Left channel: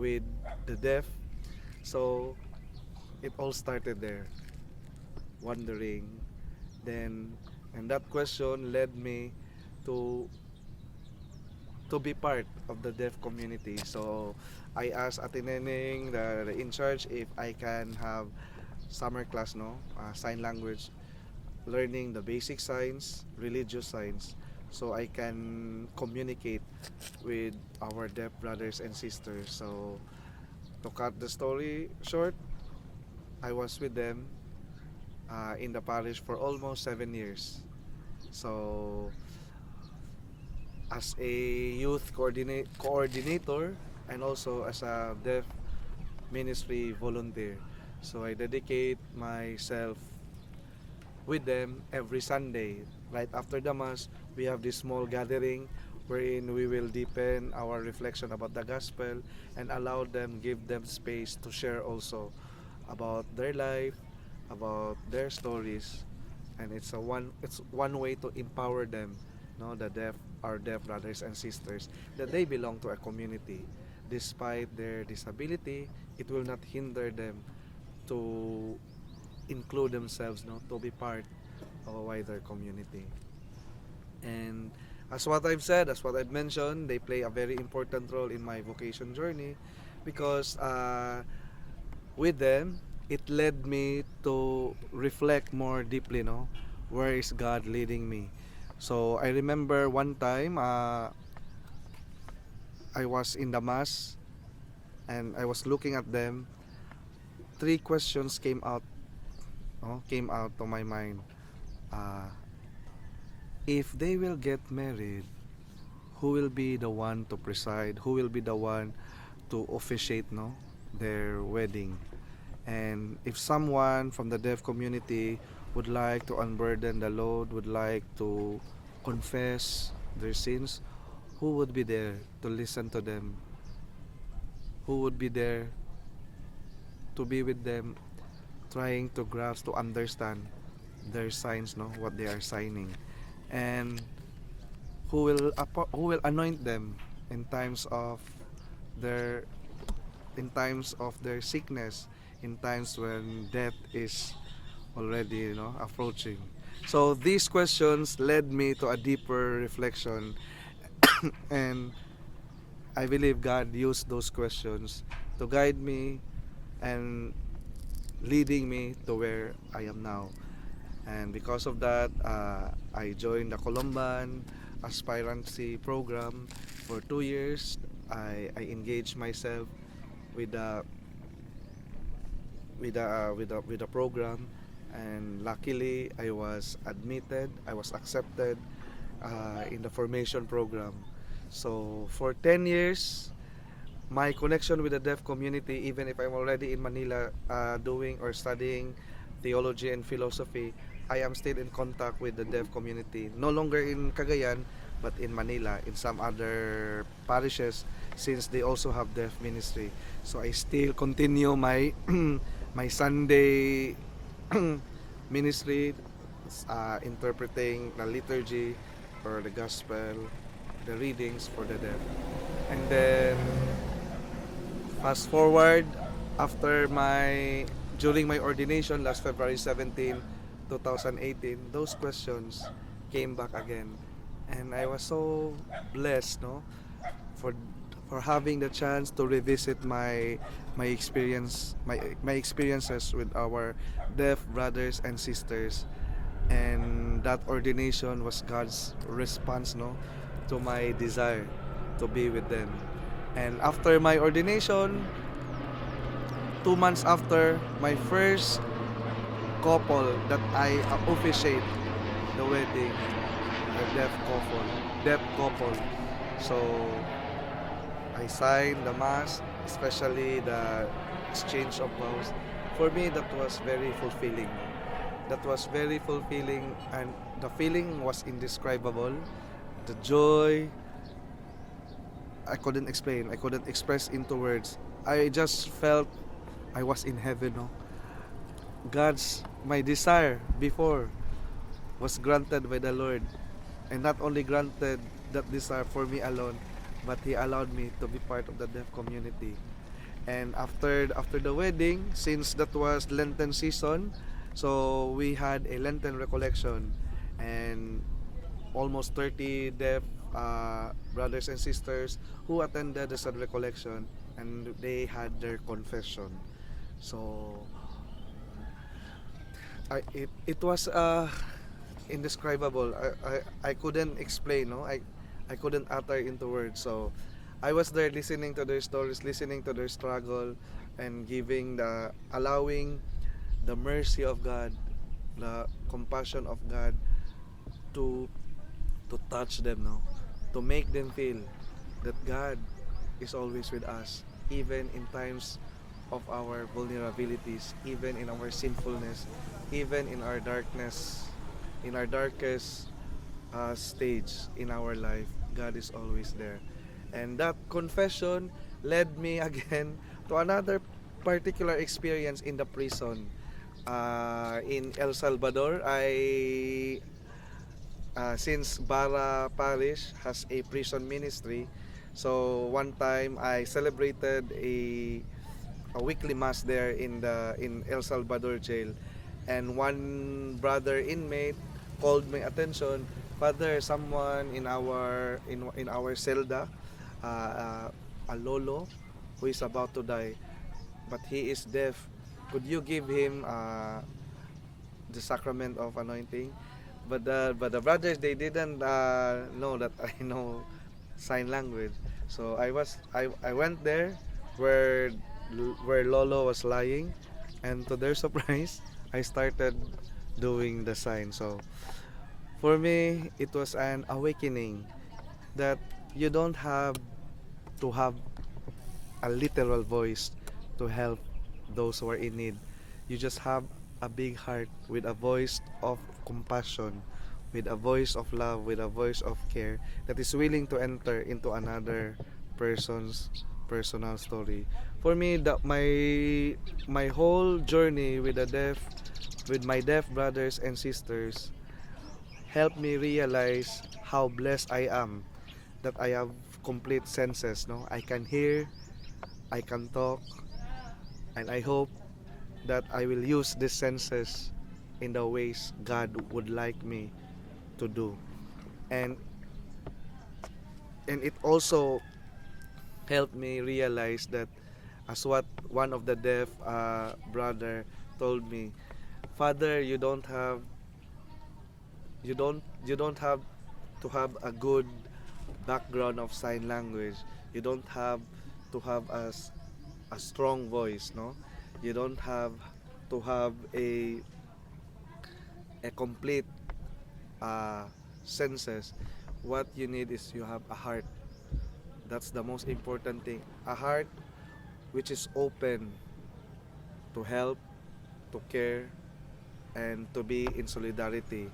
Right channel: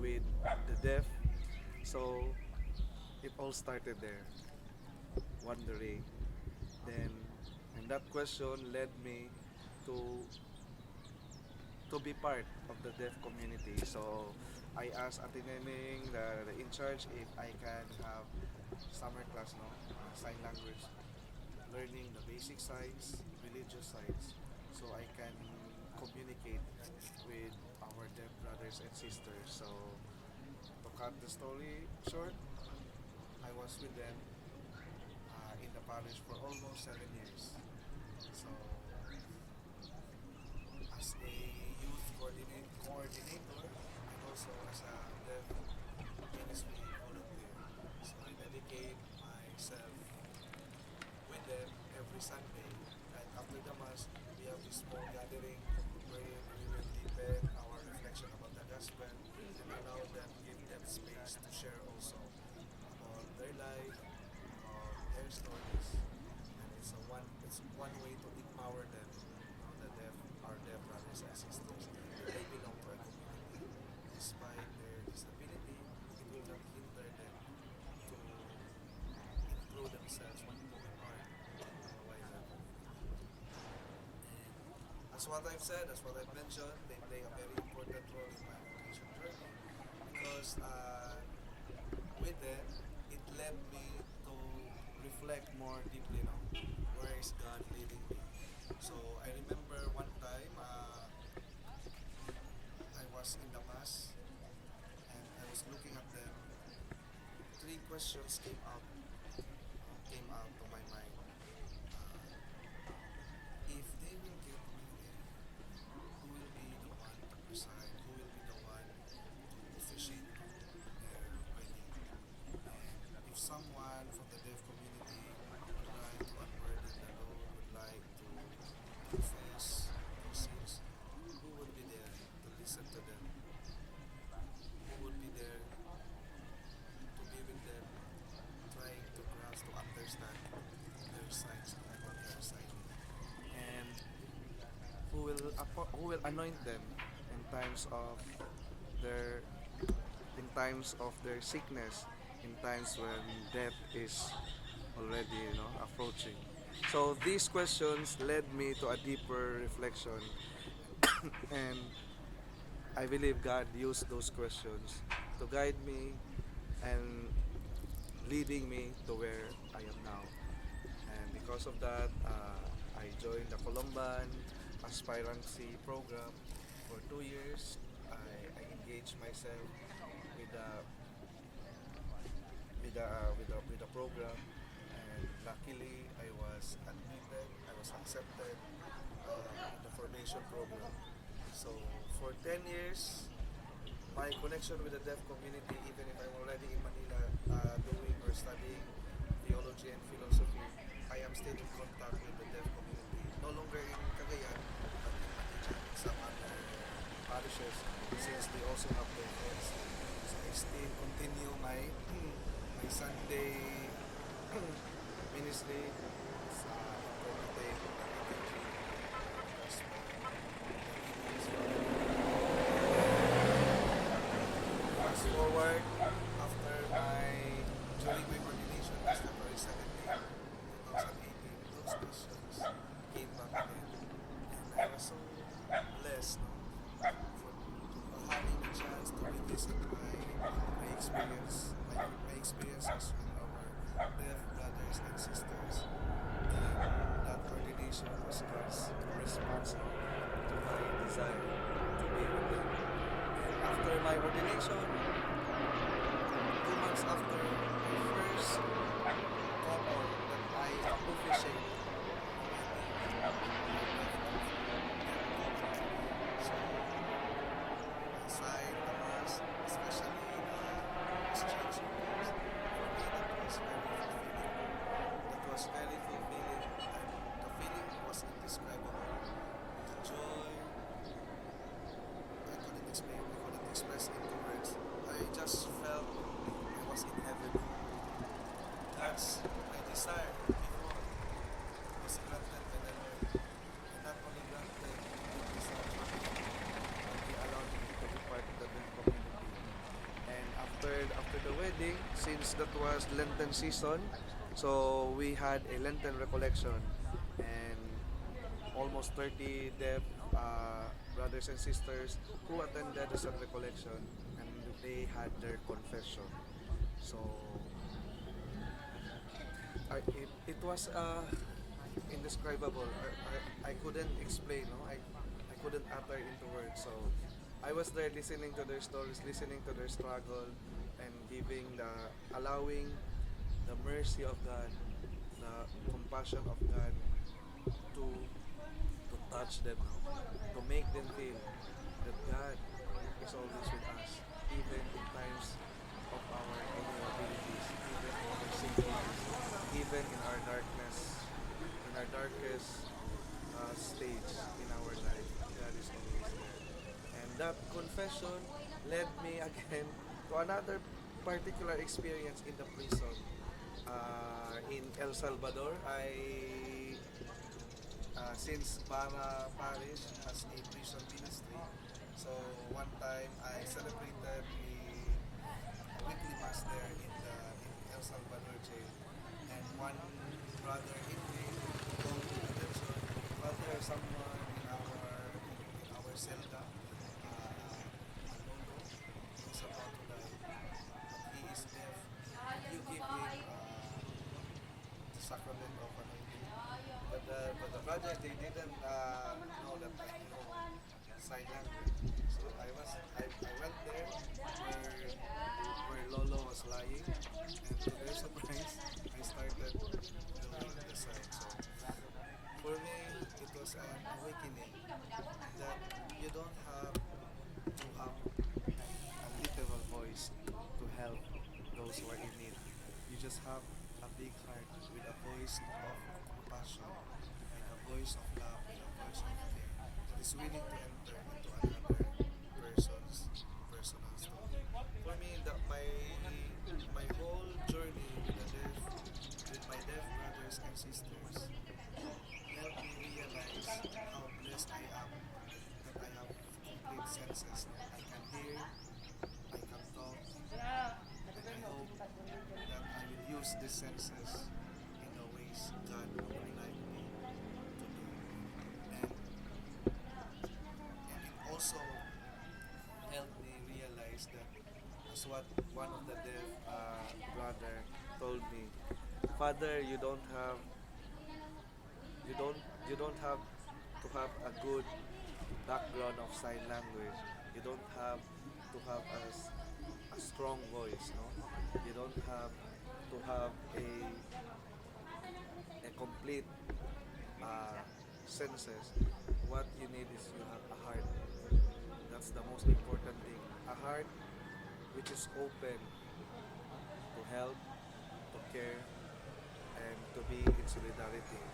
with the deaf. So it all started there, wondering. Then, and that question led me to be part of the deaf community. So I asked Ate Neneng, the in charge, if I can have summer class, no, sign language, learning the basic signs, religious signs, so I can communicate with our deaf brothers and sisters. So to cut the story short, I was with them in the parish for almost 7 years. So as a youth coordinator and also as a deaf ministry volunteer. So I dedicate myself with them every Sunday. Right after the Mass, we have this small gathering wherein we will deepen our reflection about the gospel and allow them, give them space to share also about their life, about their stories, and it's one way to empower them, no, the deaf, our deaf brothers and sisters, that they belong to a community. Despite their disability, it will not hinder them to include themselves, no, to be part of a wider community. And as what I've said, as what I've mentioned, they play a very important role in my vocation journey because with them, it led me to reflect more deeply, no, where is God leading me. So I remember one time I was in the mass and I was looking at them. Three questions came out, no, came out to my mind. Uh, if they will get married, who will be the one to preside? Who will be the one to officiate, no, their wedding? And if someone from the deaf community would like to unburden the load, would like to confess their sins, who would be there to listen to them? Who would be there to be with them, trying to grasp, to understand their signs, no, what they are signing, and who will anoint them in times of their sickness, in times when death is already, approaching. So these questions led me to a deeper reflection, and I believe God used those questions to guide me and leading me to where I am now. And because of that, I joined the Columban aspirancy program for 2 years. I engaged myself with the with the program, and luckily I was admitted. I was accepted in the formation program. So for 10 years, my connection with the deaf community, even if I'm already in Manila doing or studying theology and philosophy, I am still in contact with the deaf community. No longer in Cagayan, but in Manila, in some other parishes, since they also have deaf ministry. So I still continue my my Sunday ministry, interpreting the liturgy or the gospel, the readings for the deaf. And then fast forward, after my during my ordination last February 17, 2018, those questions came back again, and I was so blessed, no, for having the chance to revisit my experiences with our deaf brothers and sisters. And that ordination was God's response, no, to my desire to be with them. And after my ordination, 2 months after, my first couple that I officiate the wedding, a deaf couple. So I signed the mass, especially the exchange of vows. For me, that was very fulfilling. That was very fulfilling, and the feeling was indescribable. The joy, I couldn't explain. I couldn't express into words. I just felt I was in heaven. No? My desire before was granted by the Lord. And not only granted that desire for me alone, but He allowed me to be part of the deaf community. And after the wedding, since that was Lenten season, so we had a Lenten recollection, and almost 30 deaf brothers and sisters who attended the said recollection, and they had their confession. So it was indescribable. I couldn't explain, no? I couldn't utter into words. So I was there listening to their stories, listening to their struggle, and allowing the mercy of God, the compassion of God to touch them, no? To make them feel that God is always with us, even in times of our vulnerabilities, even in our sinfulness, even in our darkest stage in our life. God is always there. And that confession led me again to another particular experience in the prison. In El Salvador, since Bara Parish has a prison ministry, so one time I celebrated a weekly mass there in El Salvador jail, and one brother inmate called my attention, Father, someone in our celda, a lolo who is about to die, but he is deaf. Could you give him the sacrament of anointing? But the brothers, they didn't know that I know sign language. So I went there where where Lolo was lying, and to their surprise, I started doing the sign. So for me, it was an awakening that you don't have to have a literal voice to help those who are in need. You just have a big heart with a voice of compassion, with a voice of love, with a voice of care that is willing to enter into another person's personal story. For me, my whole journey with my deaf brothers and sisters helped me realize how blessed I am that I have complete senses. No, I can hear, I can talk, and I hope that I will use these senses in the ways God would like me to do. And it also helped me realize that, as what one of the deaf brother told me, Father, you don't have to have a good background of sign language. You don't have to have a strong voice, no? You don't have to have a complete uh, senses. What you need is you have a heart. That's the most important thing. A heart which is open to help, to care, and to be in solidarity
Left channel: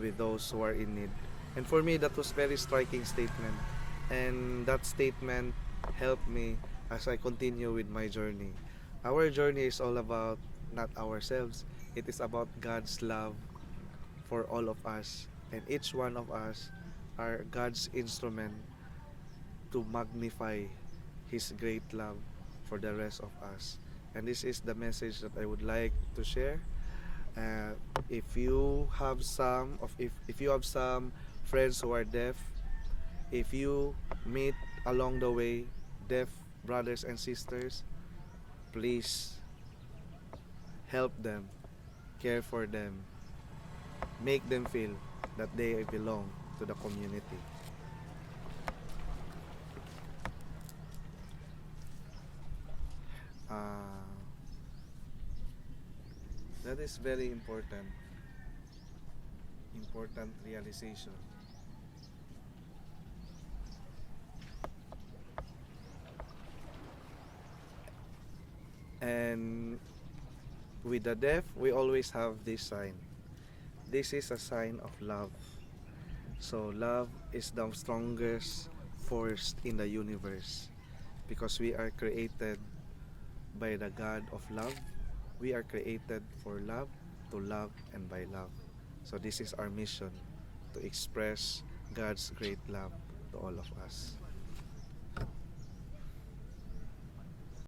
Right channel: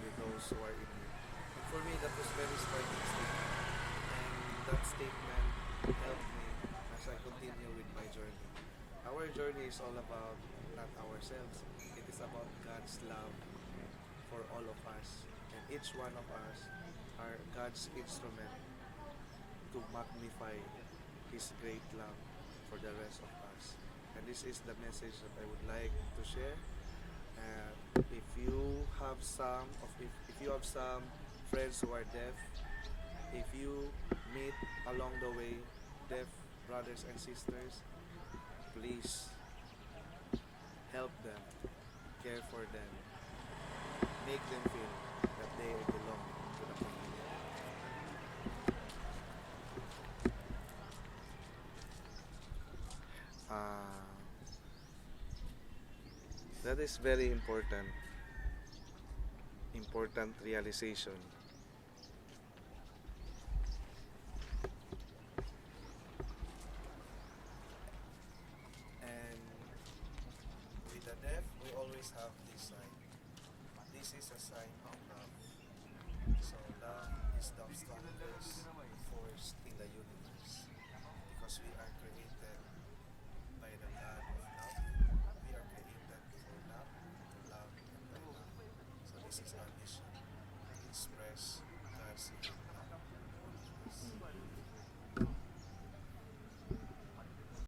with those who are in need. And for me, that was very striking statement. And that statement helped me as I continue with my journey. Our journey is all about not ourselves. It is about God's love for all of us. And each one of us are God's instrument to magnify His great love for the rest of us. And this is the message that I would like to share. If you have if you have some friends who are deaf, if you meet along the way deaf brothers and sisters, please help them, care for them, make them feel that they belong to the community. That is very important realization. And with the deaf, we always have this sign. This is a sign of love. So love is the strongest force in the universe, because we are created by the God of love. We are created for love, to love, and by love. So this is our mission, to express God's great love to all of us.